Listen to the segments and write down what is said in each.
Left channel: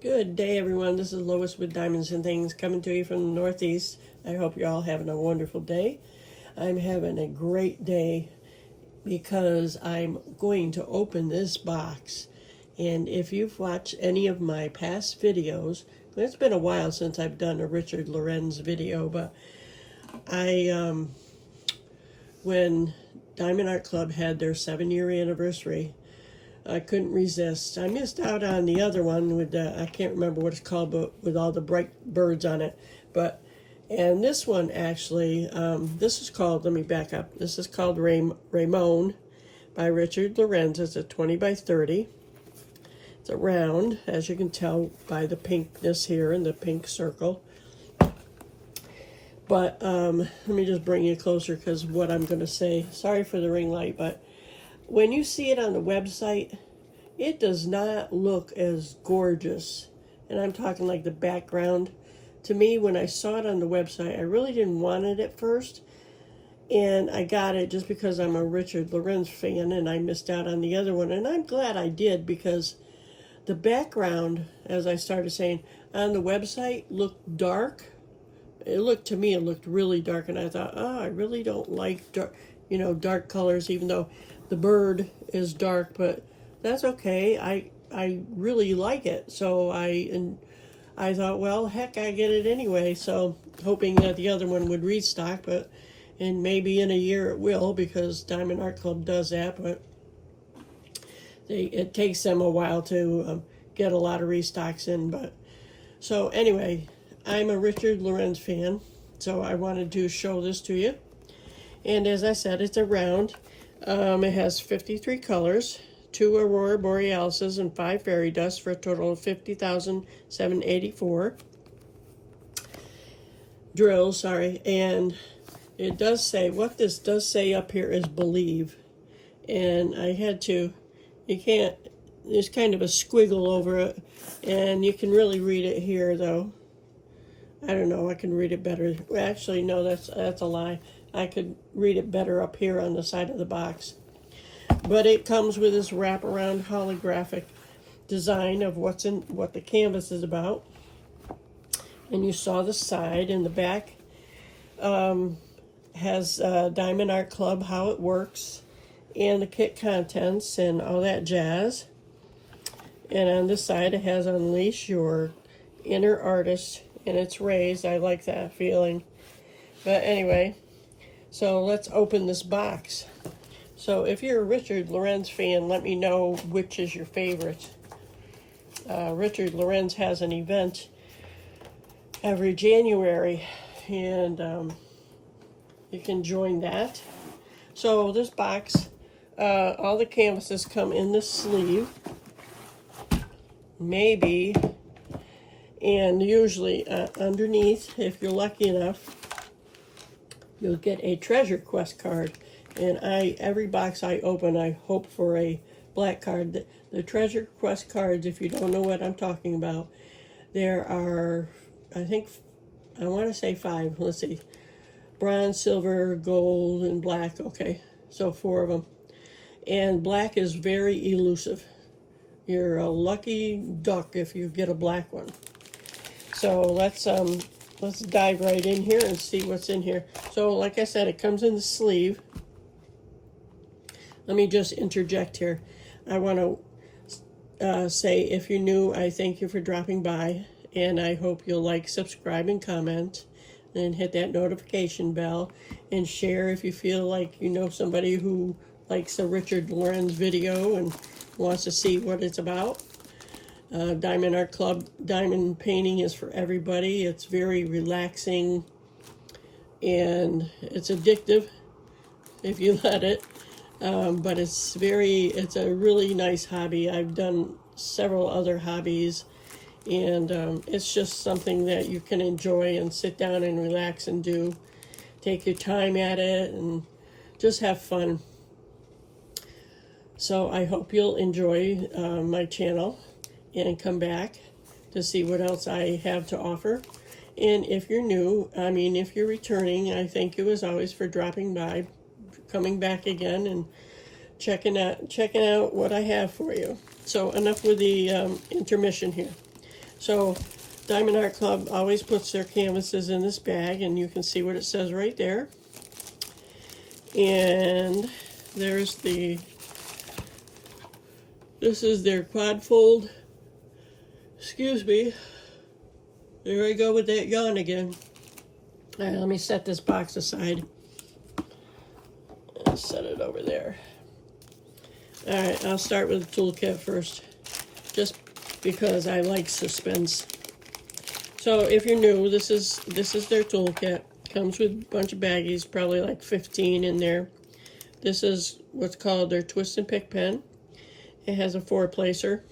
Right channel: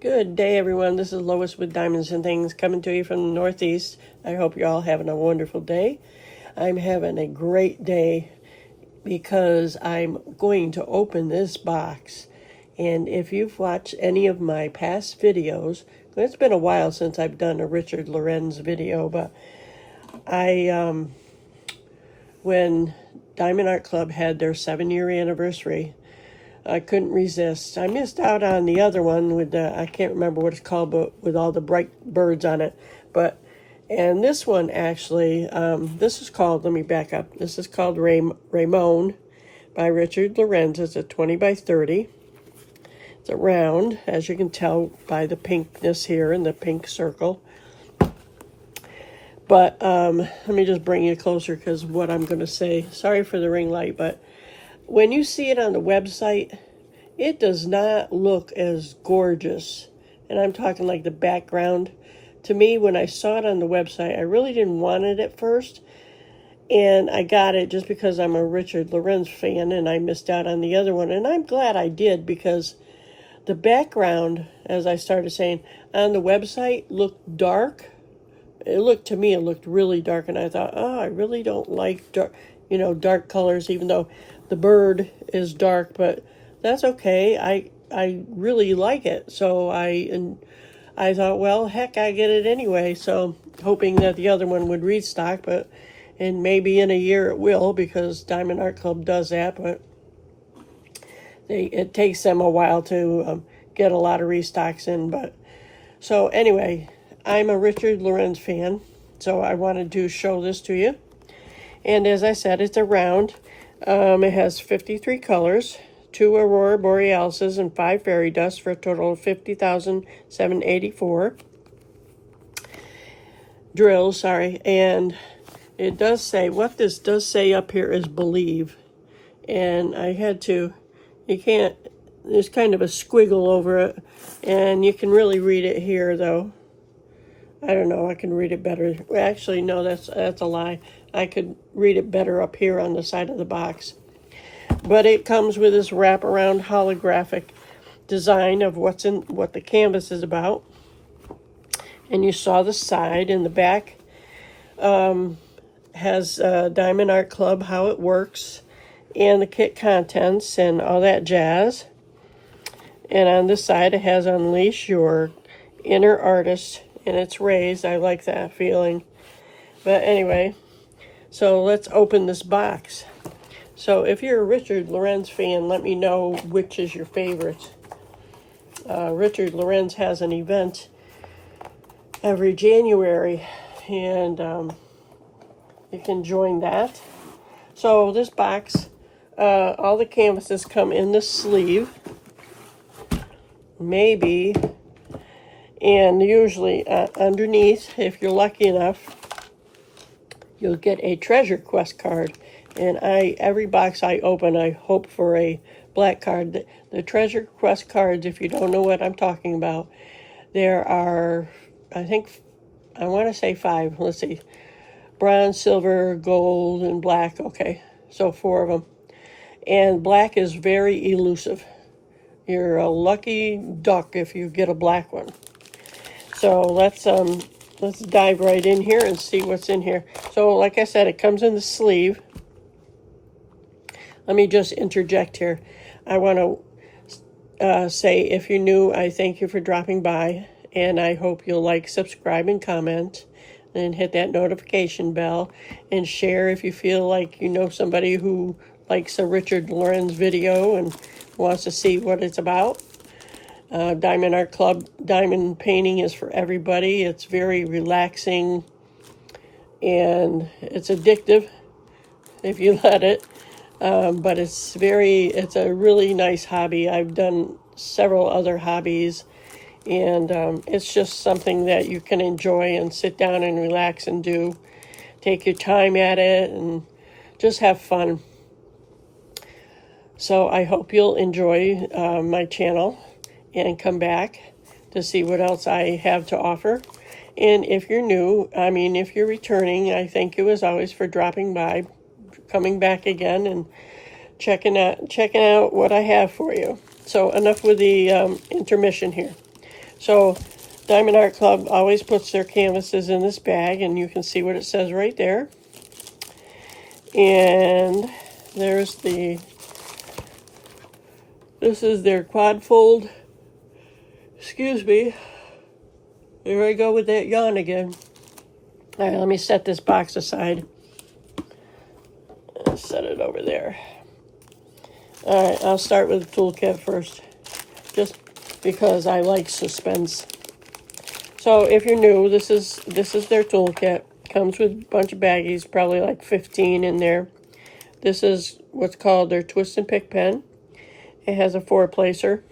Good day, everyone. This is Lois with Diamonds and Things coming to you from the Northeast. I hope you're all having a wonderful day. I'm having a great day because I'm going to open this box. And if you've watched any of my past videos, it's been a while since I've done a Richard Lorenz video, but when Diamond Art Club had their 7-year anniversary, I couldn't resist. I missed out on the other one with the, I can't remember what it's called, but with all the bright birds on it. And this one actually, this is called, let me back up. This is called Ramone by Richard Lorenz. It's a 20 by 30. It's a round, as you can tell by the pinkness here and the pink circle. But let me just bring you closer because what I'm going to say, sorry for the ring light, but when you see it on the website, it does not look as gorgeous. And I'm talking like the background. To me, when I saw it on the website, I really didn't want it at first. And I got it just because I'm a Richard Lorenz fan and I missed out on the other one. And I'm glad I did because the background, as I started saying, on the website looked dark. To me, it looked really dark. And I thought, oh, I really don't like dark colors, even though the bird is dark, but that's okay. I really like it. So I thought, well, heck, I get it anyway. So hoping that the other one would restock, and maybe in a year it will because Diamond Art Club does that, but it takes them a while to get a lot of restocks in. But so anyway, I'm a Richard Lorenz fan, so I wanted to show this to you. And as I said, it's a round. It has 53 colors, 2 Aurora Borealises, and 5 fairy dust for a total of 50,784 drills, and it does say, what this does say up here is believe, and I had to, there's kind of a squiggle over it, and you can really read it here, though. I don't know, I can read it better. Actually, no, that's a lie. I could read it better up here on the side of the box. But it comes with this wraparound holographic design of what the canvas is about. And you saw the side and the back has Diamond Art Club, how it works, and the kit contents and all that jazz. And on this side it has Unleash Your Inner Artist, and it's raised. I like that feeling. But anyway, so let's open this box. So if you're a Richard Lorenz fan, let me know which is your favorite. Richard Lorenz has an event every January, and you can join that. So this box, all the canvases come in the sleeve, maybe, and usually underneath, if you're lucky enough, you'll get a treasure quest card. And every box I open, I hope for a black card. The treasure quest cards, if you don't know what I'm talking about, there are, I want to say 5. Let's see. Bronze, silver, gold, and black. Okay, so 4 of them. And black is very elusive. You're a lucky duck if you get a black one. So let's dive right in here and see what's in here. So like I said, it comes in the sleeve. Let me just interject here. I want to say, if you're new, I thank you for dropping by, and I hope you'll like, subscribe, and comment, and hit that notification bell, and share if you feel like you know somebody who likes a Richard Lorenz video and wants to see what it's about. Diamond Art Club, diamond painting is for everybody. It's very relaxing, and it's addictive if you let it. But it's a really nice hobby. I've done several other hobbies, and it's just something that you can enjoy and sit down and relax and do. Take your time at it and just have fun. So I hope you'll enjoy my channel and come back to see what else I have to offer. And if you're new, if you're returning, I thank you as always for dropping by, coming back again, and checking out what I have for you. So enough with the intermission here. So Diamond Art Club always puts their canvases in this bag, and you can see what it says right there. And there's this is their quad fold. Excuse me. There I go with that yawn again. All right, let me set this box aside. I'll set it over there. All right, I'll start with the toolkit first, just because I like suspense. So if you're new, this is their toolkit. Comes with a bunch of baggies, probably like 15 in there. This is what's called their twist and pick pen. It has a 4-placer.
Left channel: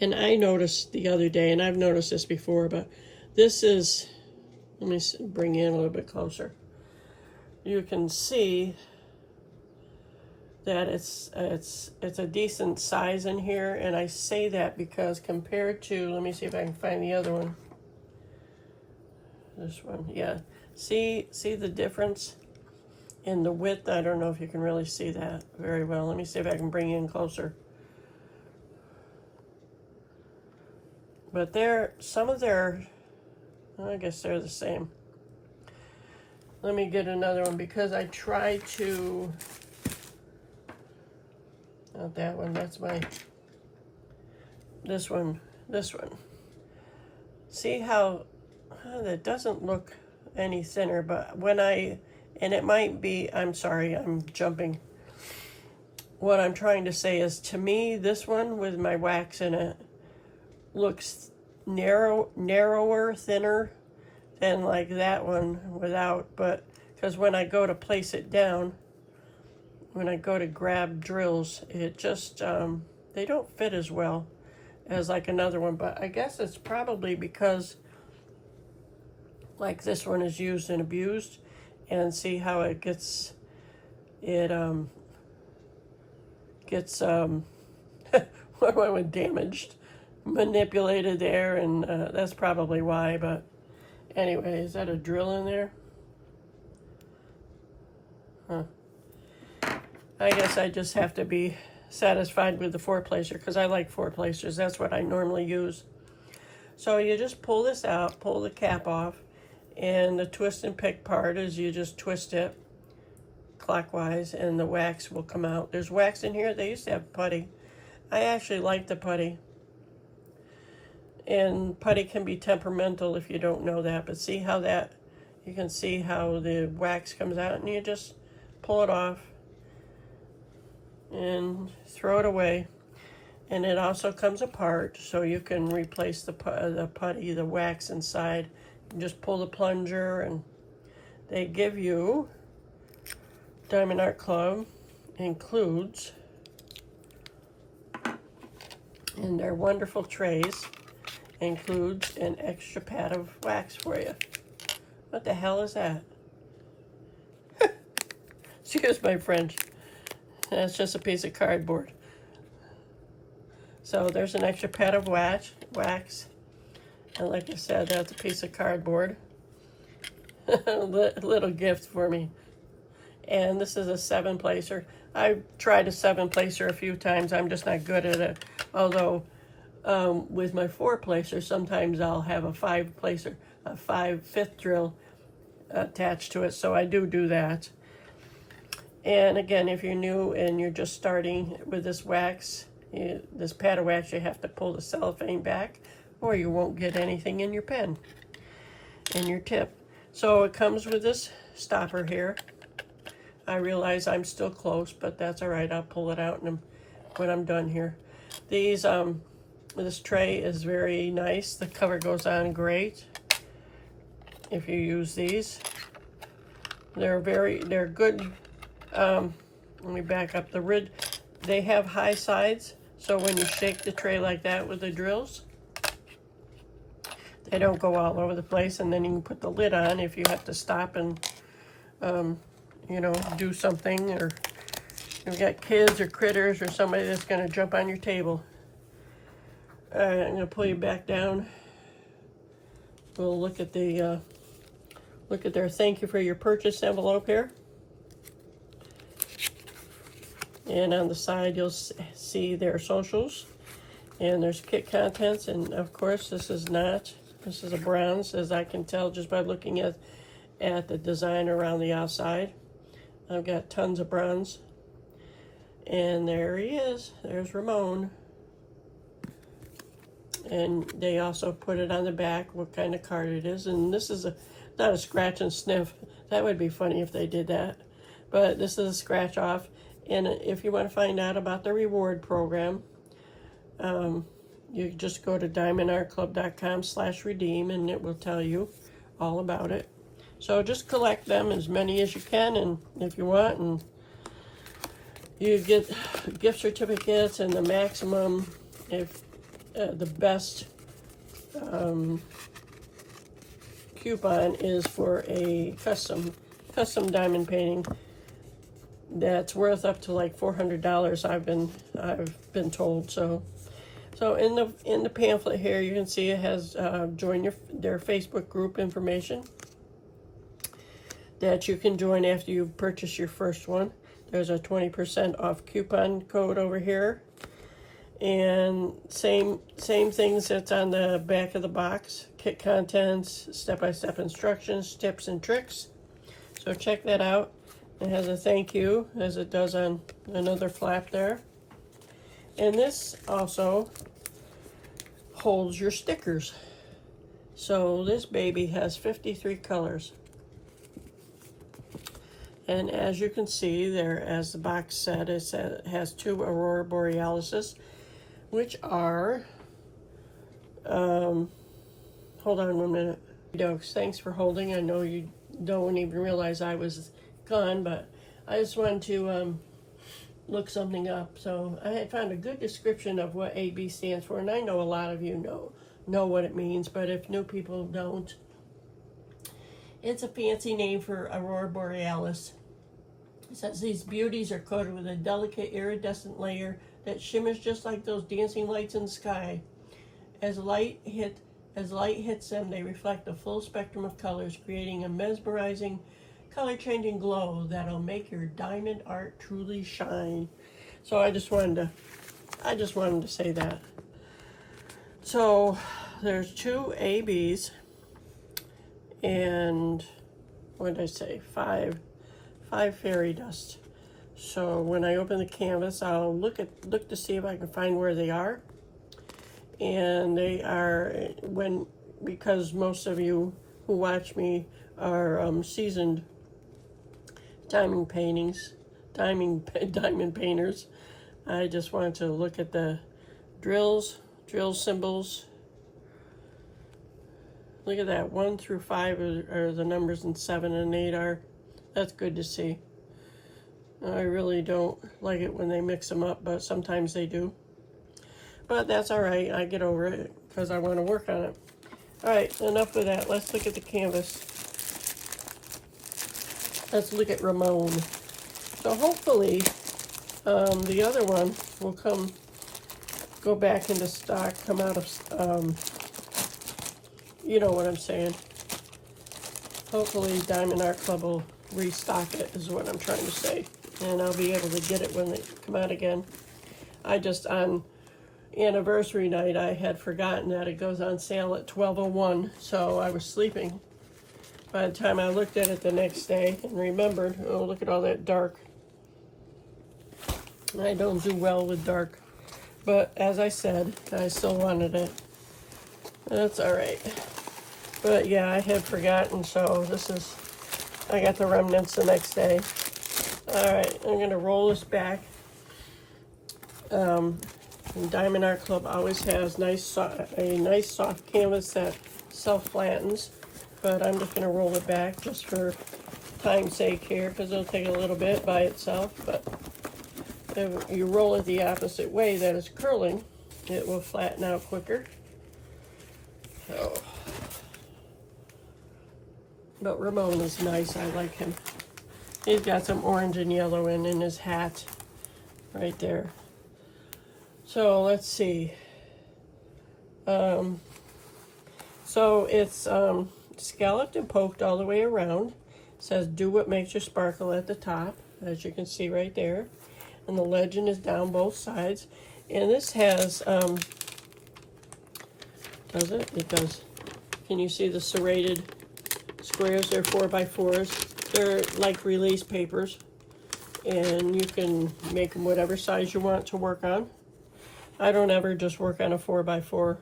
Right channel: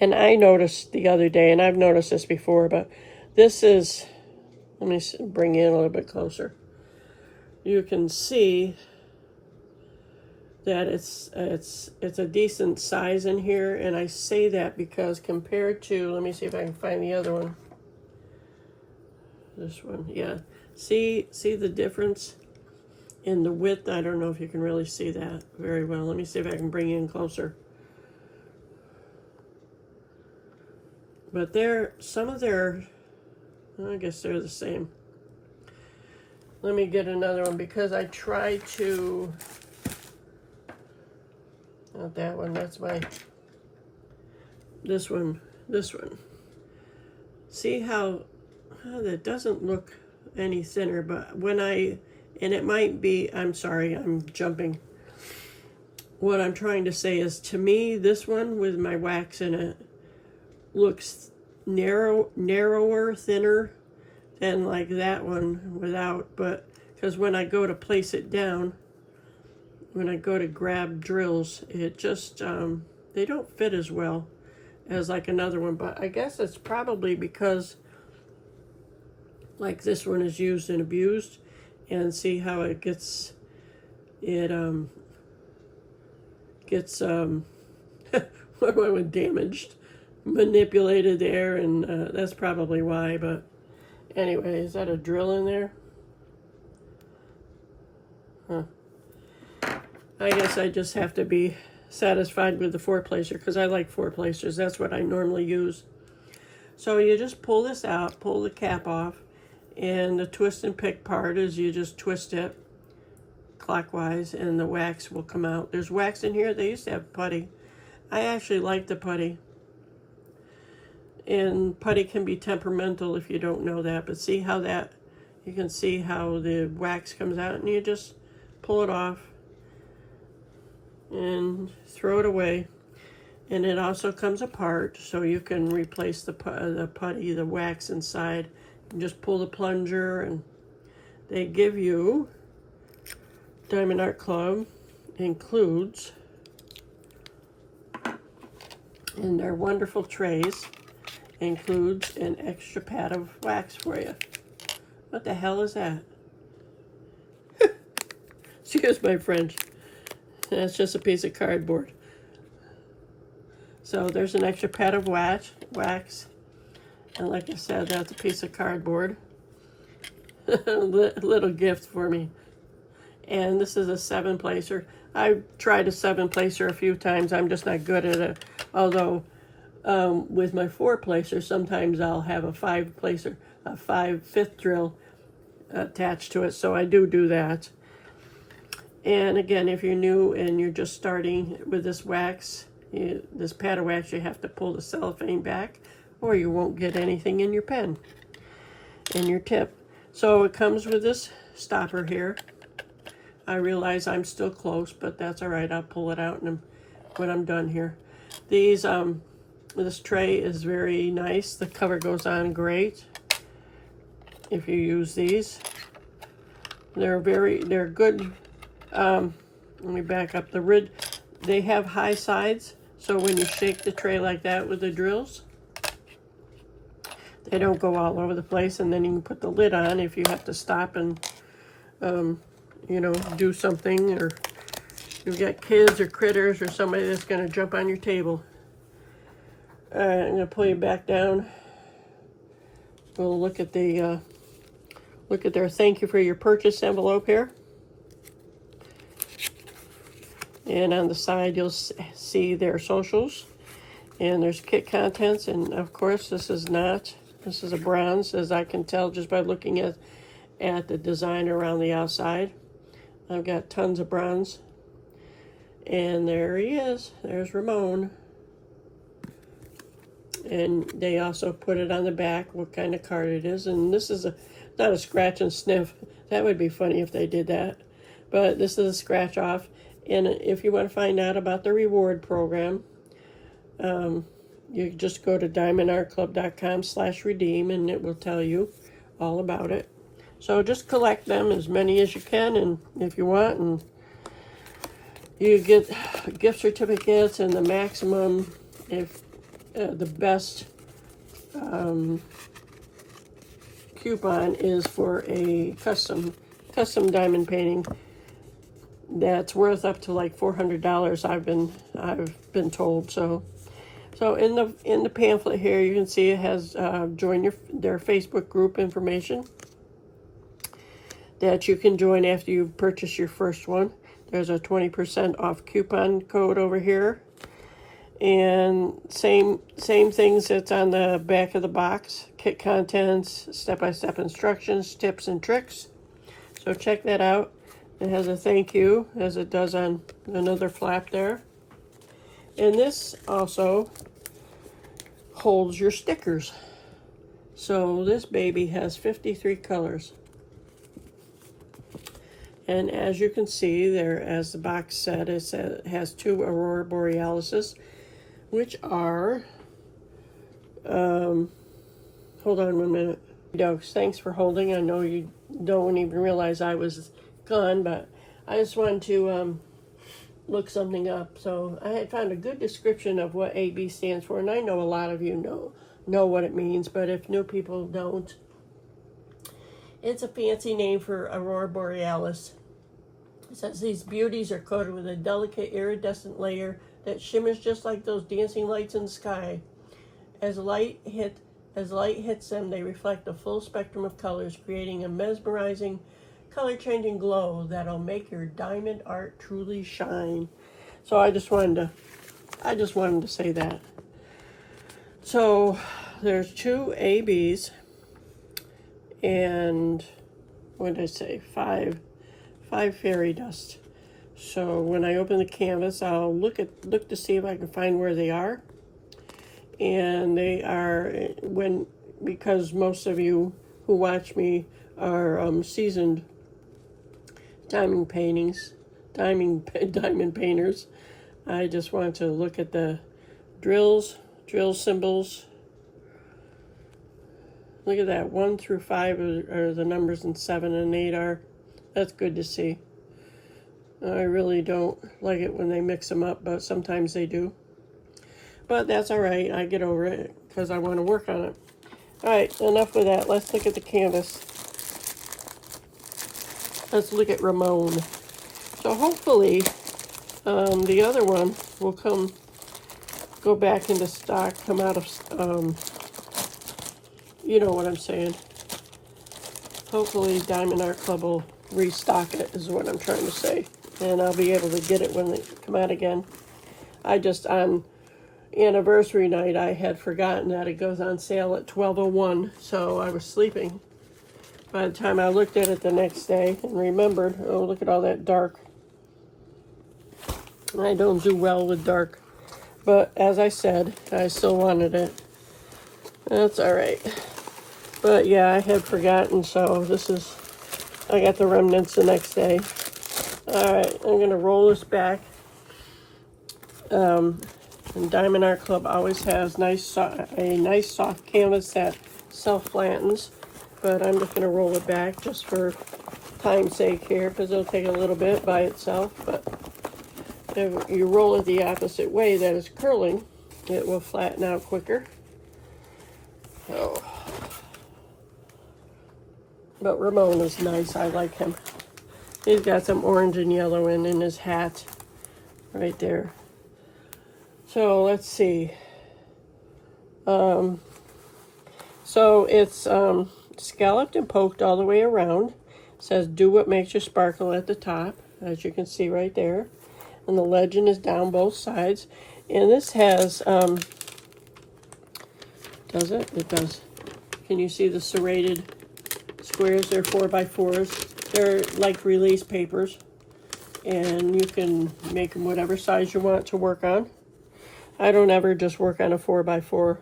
And I noticed the other day, and I've noticed this before, but this is, let me bring you in a little bit closer. You can see that it's a decent size in here, and I say that because compared to, let me see if I can find the other one. This one, yeah. See the difference in the width? I don't know if you can really see that very well. Let me see if I can bring you in closer. But some of their, I guess they're the same. Let me get another one because I tried to, not that one, that's this one. See how that doesn't look any thinner, but and it might be, I'm sorry, I'm jumping. What I'm trying to say is, to me, this one with my wax in it looks narrower, thinner than like that one without, but because when I go to place it down, when I go to grab drills, it just, they don't fit as well as like another one, but I guess it's probably because like this one is used and abused, and see how it gets what went damaged, manipulated there, and that's probably why. But anyway, is that a drill in there? Huh. I guess I just have to be satisfied with the 4-placer because I like 4-placers. That's what I normally use. So you just pull this out, pull the cap off, and the twist and pick part is you just twist it clockwise and the wax will come out. There's wax in here. They used to have putty. I actually like the putty. And putty can be temperamental if you don't know that, but see how you can see how the wax comes out, and you just pull it off and throw it away. And it also comes apart, so you can replace the putty, the wax inside. You just pull the plunger, and they give you, Diamond Art Club includes in their wonderful trays, includes an extra pad of wax for you. What the hell is that? Excuse my French. That's just a piece of cardboard. So there's an extra pad of wax. And like I said, that's a piece of cardboard. A little gift for me. And this is a 7-placer. I've tried a 7-placer a few times. I'm just not good at it. Although with my 4-placer, sometimes I'll have a 5-placer, a 5/5 drill attached to it. So I do that. And again, if you're new and you're just starting with this wax, this pad of wax, you have to pull the cellophane back, or you won't get anything in your pen, in your tip. So it comes with this stopper here. I realize I'm still close, but that's all right. I'll pull it out when I'm done here. This tray is very nice. The cover goes on great if you use these. They're good. Let me back up. They have high sides, so when you shake the tray like that with the drills, they don't go all over the place, and then you can put the lid on if you have to stop and do something, or you've got kids or critters or somebody that's going to jump on your table. All right, I'm going to pull you back down. We'll look at their thank you for your purchase envelope here. And on the side, you'll see their socials. And there's kit contents, and of course this is a bronze, as I can tell just by looking at the design around the outside. I've got tons of bronze. And there he is. There's Ramone. And they also put it on the back, what kind of card it is. And this is not a scratch and sniff. That would be funny if they did that. But this is a scratch off. And if you want to find out about the reward program, you just go to diamondartclub.com/redeem and it will tell you all about it. So just collect them, as many as you can, and if you want, and you get gift certificates, and the maximum, if the best coupon is for a custom diamond painting that's worth up to like $400. I've been told. So in the pamphlet here, you can see it has join their Facebook group information that you can join after you purchase your first one. There's a 20% off coupon code over here. And same things that's on the back of the box. Kit contents, step-by-step instructions, tips and tricks. So check that out. It has a thank you, as it does on another flap there. And this also holds your stickers. So this baby has 53 colors. And as you can see there, as the box said, it has 2 Aurora Borealises, which are, hold on 1 minute. Dokes, thanks for holding. I know you don't even realize I was gone, but I just wanted to look something up. So I had found a good description of what AB stands for, and I know a lot of you know what it means, but if new people don't, it's a fancy name for Aurora Borealis. It says these beauties are coated with a delicate iridescent layer that shimmers just like those dancing lights in the sky. As light hits them, they reflect a full spectrum of colors, creating a mesmerizing, color-changing glow that'll make your diamond art truly shine. So I just wanted to say that. So there's 2 ABs and what did I say? 5 fairy dust. So when I open the canvas, I'll look to see if I can find where they are. And they are, because most of you who watch me are seasoned diamond painters, I just want to look at the drill symbols. Look at that, 1 through 5 are the numbers, and 7 and 8 are. That's good to see. I really don't like it when they mix them up, but sometimes they do. But that's all right. I get over it because I want to work on it. All right, enough of that. Let's look at the canvas. Let's look at Ramone. So hopefully the other one will go back into stock, come out of, you know what I'm saying. Hopefully Diamond Art Club will restock it, is what I'm trying to say. And I'll be able to get it when they come out again. On anniversary night, I had forgotten that it goes on sale at 12:01, so I was sleeping. By the time I looked at it the next day and remembered, oh, look at all that dark. I don't do well with dark. But as I said, I still wanted it. That's all right. But yeah, I had forgotten, so I got the remnants the next day. All right, I'm gonna roll this back. And Diamond Art Club always has a nice soft canvas that self-flattens, but I'm just gonna roll it back just for time's sake here, because it'll take a little bit by itself. But if you roll it the opposite way, that is curling, it will flatten out quicker. So, but Ramone is nice. I like him. He's got some orange and yellow in his hat right there. So let's see. So it's scalloped and poked all the way around. It says, do what makes you sparkle at the top, as you can see right there. And the legend is down both sides. And this has Does it? It does. Can you see the serrated squares? They're 4x4s. They're like release papers. And you can make them whatever size you want to work on. I don't ever just work on a 4x4.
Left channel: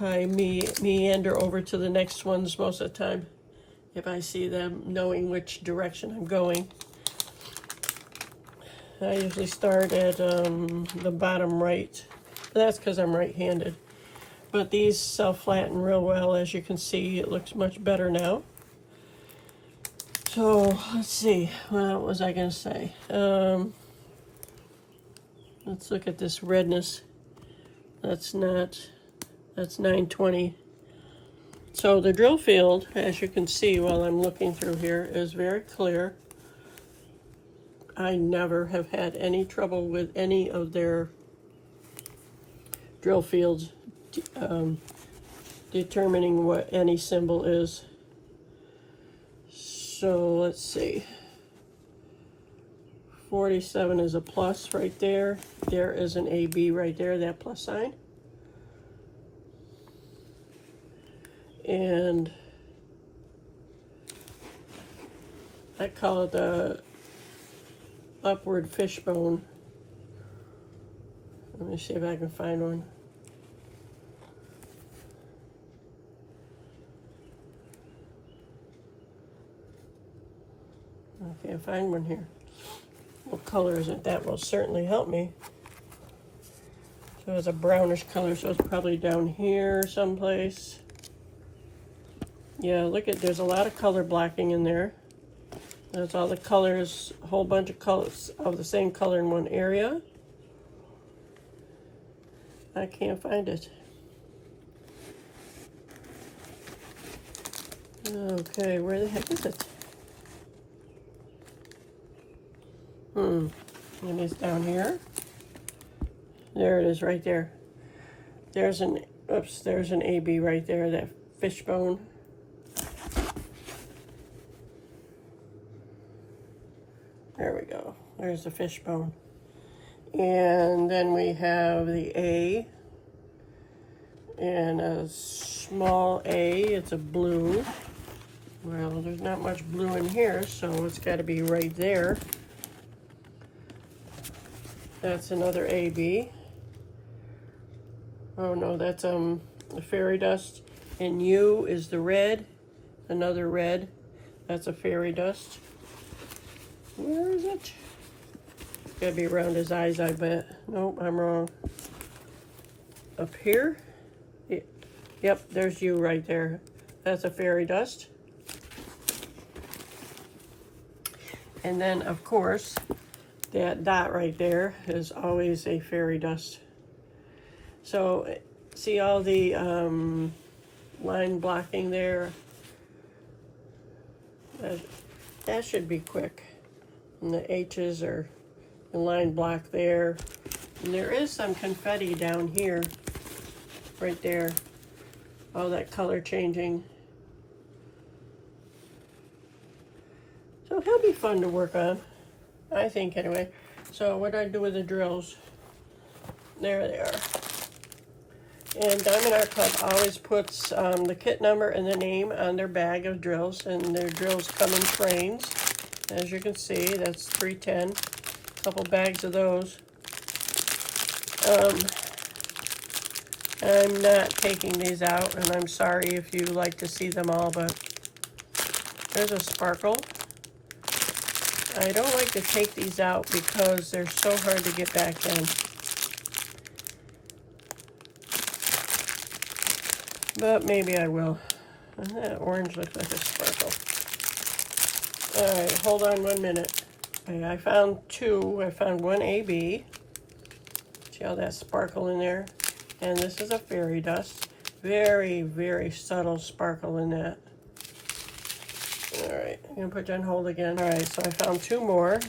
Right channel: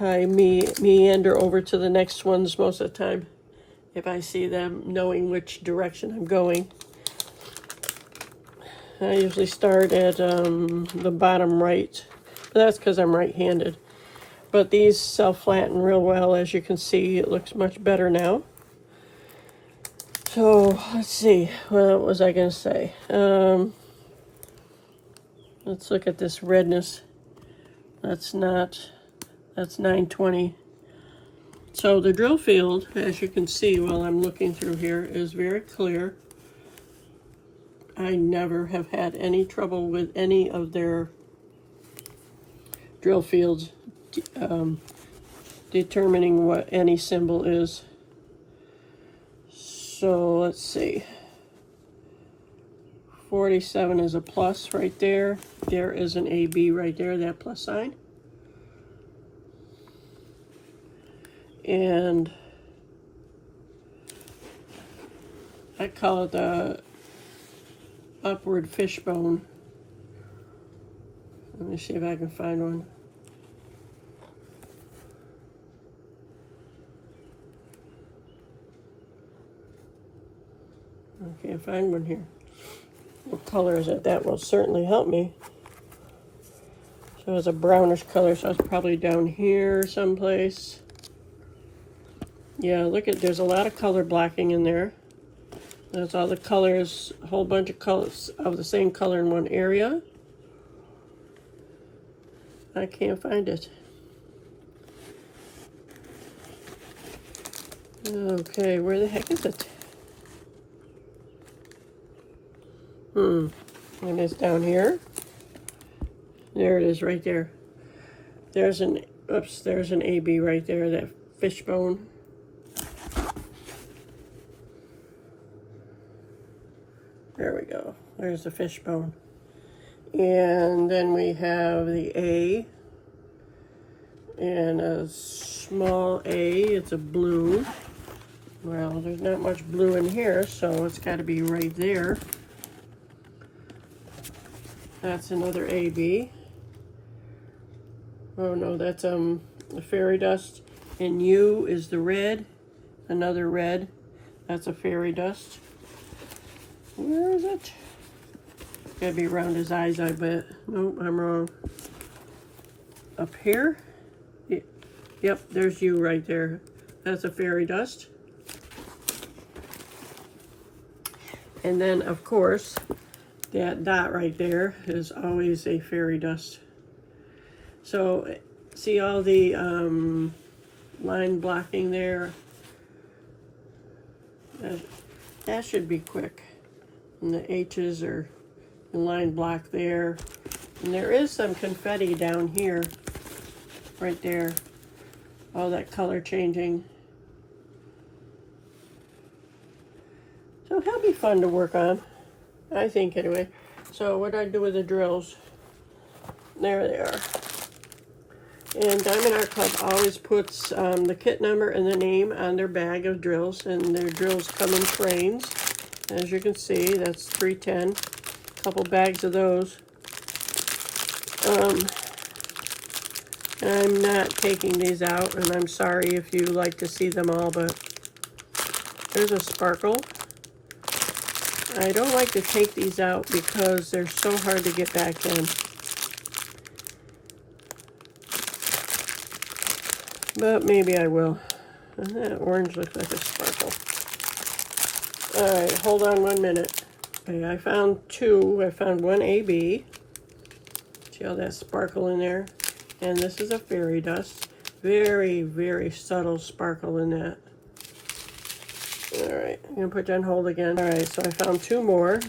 I meander over to the next ones most of the time if I see them, knowing which direction I'm going. I usually start at the bottom right. That's because I'm right-handed. But these self-flatten real well. As you can see, it looks much better now. So, let's see. What was I going to say? Let's look at this redness. That's 920. So the drill field, as you can see while I'm looking through here, is very clear. I never have had any trouble with any of their drill fields determining what any symbol is. So let's see. 47 is a plus right there. There is an AB right there, that plus sign. And I call it the upward fishbone. Let me see if I can find one. I can't find one here. What color is it? That will certainly help me. So it's a brownish color, so it's probably down here someplace. Yeah, look at, there's a lot of color blacking in there. There's all the colors, a whole bunch of colors of the same color in one area. I can't find it. Okay, where the heck is it? And it's down here. There it is right there. There's an, oops, there's an AB right there, that fishbone. There we go. There's the fishbone. And then we have the A. And a small A, it's a blue. Well, there's not much blue in here, so it's got to be right there. That's another AB. Oh no, that's the fairy dust. And U is the red, another red. That's a fairy dust. Where is it? Gotta be around his eyes, I bet. Nope, I'm wrong. Up here? Yep, there's U right there. That's a fairy dust. And then, of course, that dot right there is always a fairy dust. So, see all the line blocking there? That should be quick. And the H's are the line block there. And there is some confetti down here, right there. All that color changing. So it'll be fun to work on, I think anyway. So what I do with the drills, there they are. And Diamond Art Club always puts the kit number and the name on their bag of drills, and their drills come in trains. As you can see, that's 310. A couple bags of those. I'm not taking these out, and I'm sorry if you like to see them all, but there's a sparkle. I don't like to take these out because they're so hard to get back in. But maybe I will. And that orange looks like a sparkle. Alright, hold on 1 minute. Okay, I found two. I found one AB. See all that sparkle in there? And this is a fairy dust. Very, very subtle sparkle in that. Alright, I'm going to put you on hold again. Alright, so I found two more.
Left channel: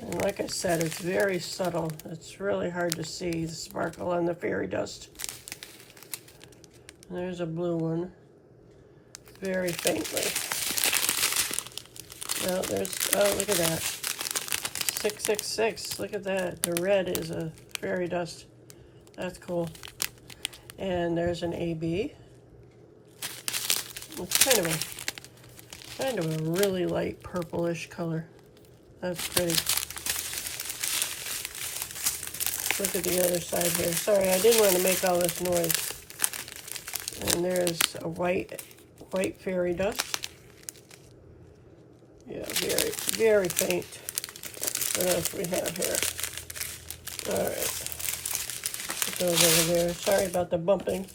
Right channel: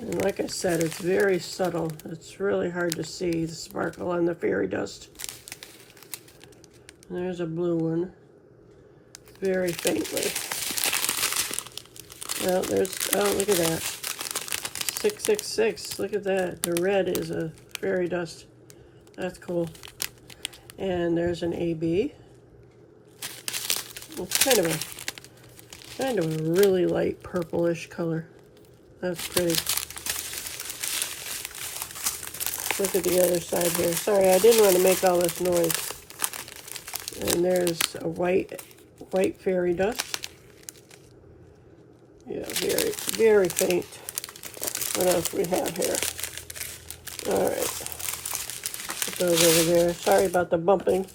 And like I said, it's very subtle. It's really hard to see the sparkle on the fairy dust. And there's a blue one. Very faintly. Now there's, oh, look at that. 666, look at that. The red is a fairy dust. That's cool. And there's an AB. It's kind of a really light purplish color. That's pretty. Look at the other side here. Sorry, I didn't want to make all this noise. And there's a white fairy dust. Yeah, very, very faint. What else do we have here? All right. Put those over there. Sorry about the bumping.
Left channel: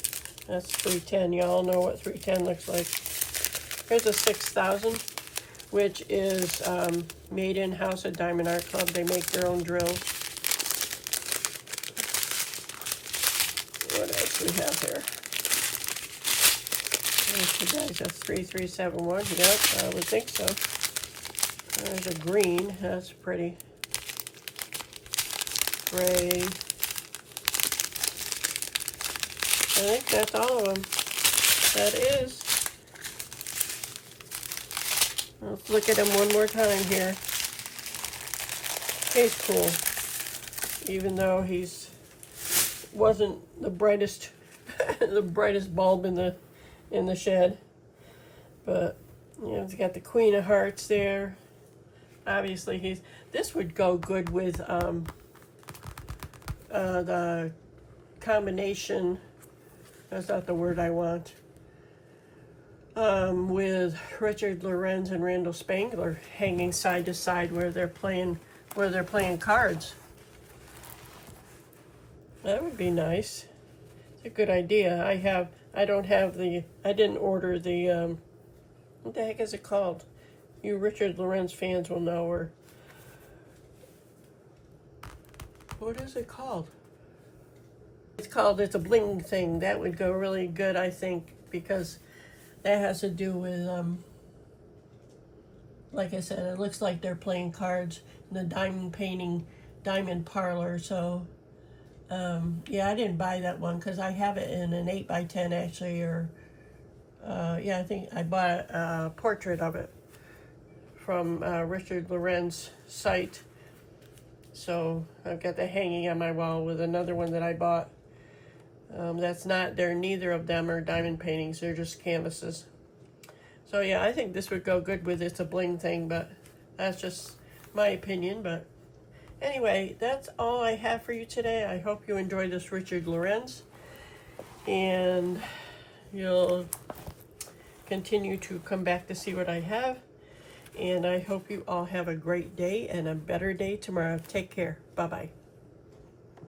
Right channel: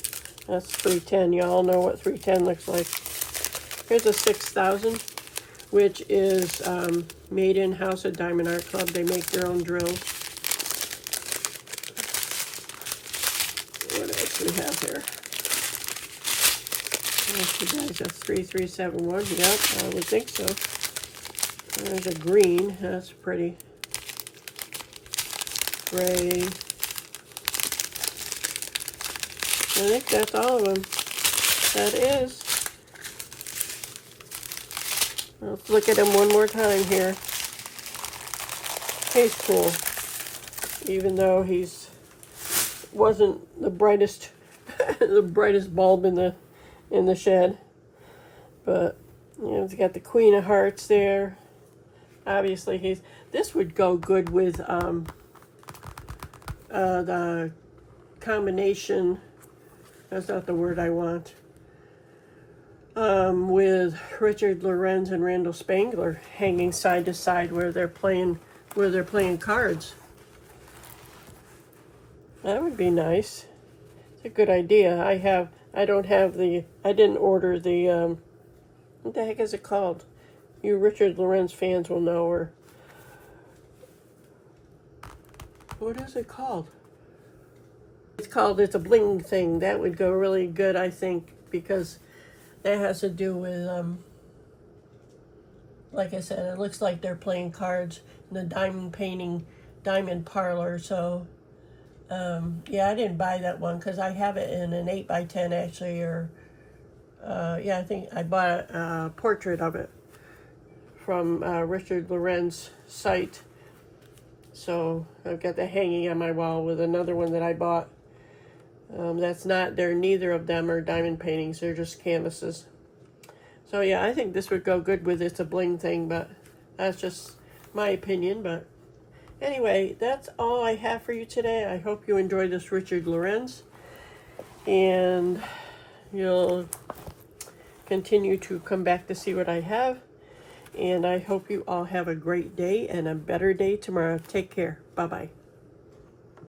That's 310. Y'all know what 310 looks like. Here's a 6000, which is made in-house at Diamond Art Club. They make their own drills. What else do we have here? Okay, guys, that's 3371. Yep, I would think so. There's a green. That's pretty. Gray. I think that's all of them. That is. Let's look at him one more time here. He's cool. Even though he's wasn't the brightest the brightest bulb in the shed. But you know, he's got the Queen of Hearts there. Obviously this would go good with the combination, that's not the word I want, with Richard Lorenz and Randall Spangler hanging side to side where they're playing cards. That would be nice. It's a good idea. I didn't order the what the heck is it called? You Richard Lorenz fans will know. Or what is it called? It's a bling thing. That would go really good, I think, because that has to do with like I said, it looks like they're playing cards in the diamond parlor. So yeah, I didn't buy that one because I have it in an 8x10 actually, or yeah, I think I bought a portrait of it from Richard Lorenz site. So I've got that hanging on my wall with another one that I bought. Neither of them are diamond paintings, they're just canvases. So yeah, I think this would go good with It's a Bling thing, but that's just my opinion. But anyway, that's all I have for you today. I hope you enjoyed this Richard Lorenz, and you'll continue to come back to see what I have. And I hope you all have a great day and a better day tomorrow. Take care. Bye-bye.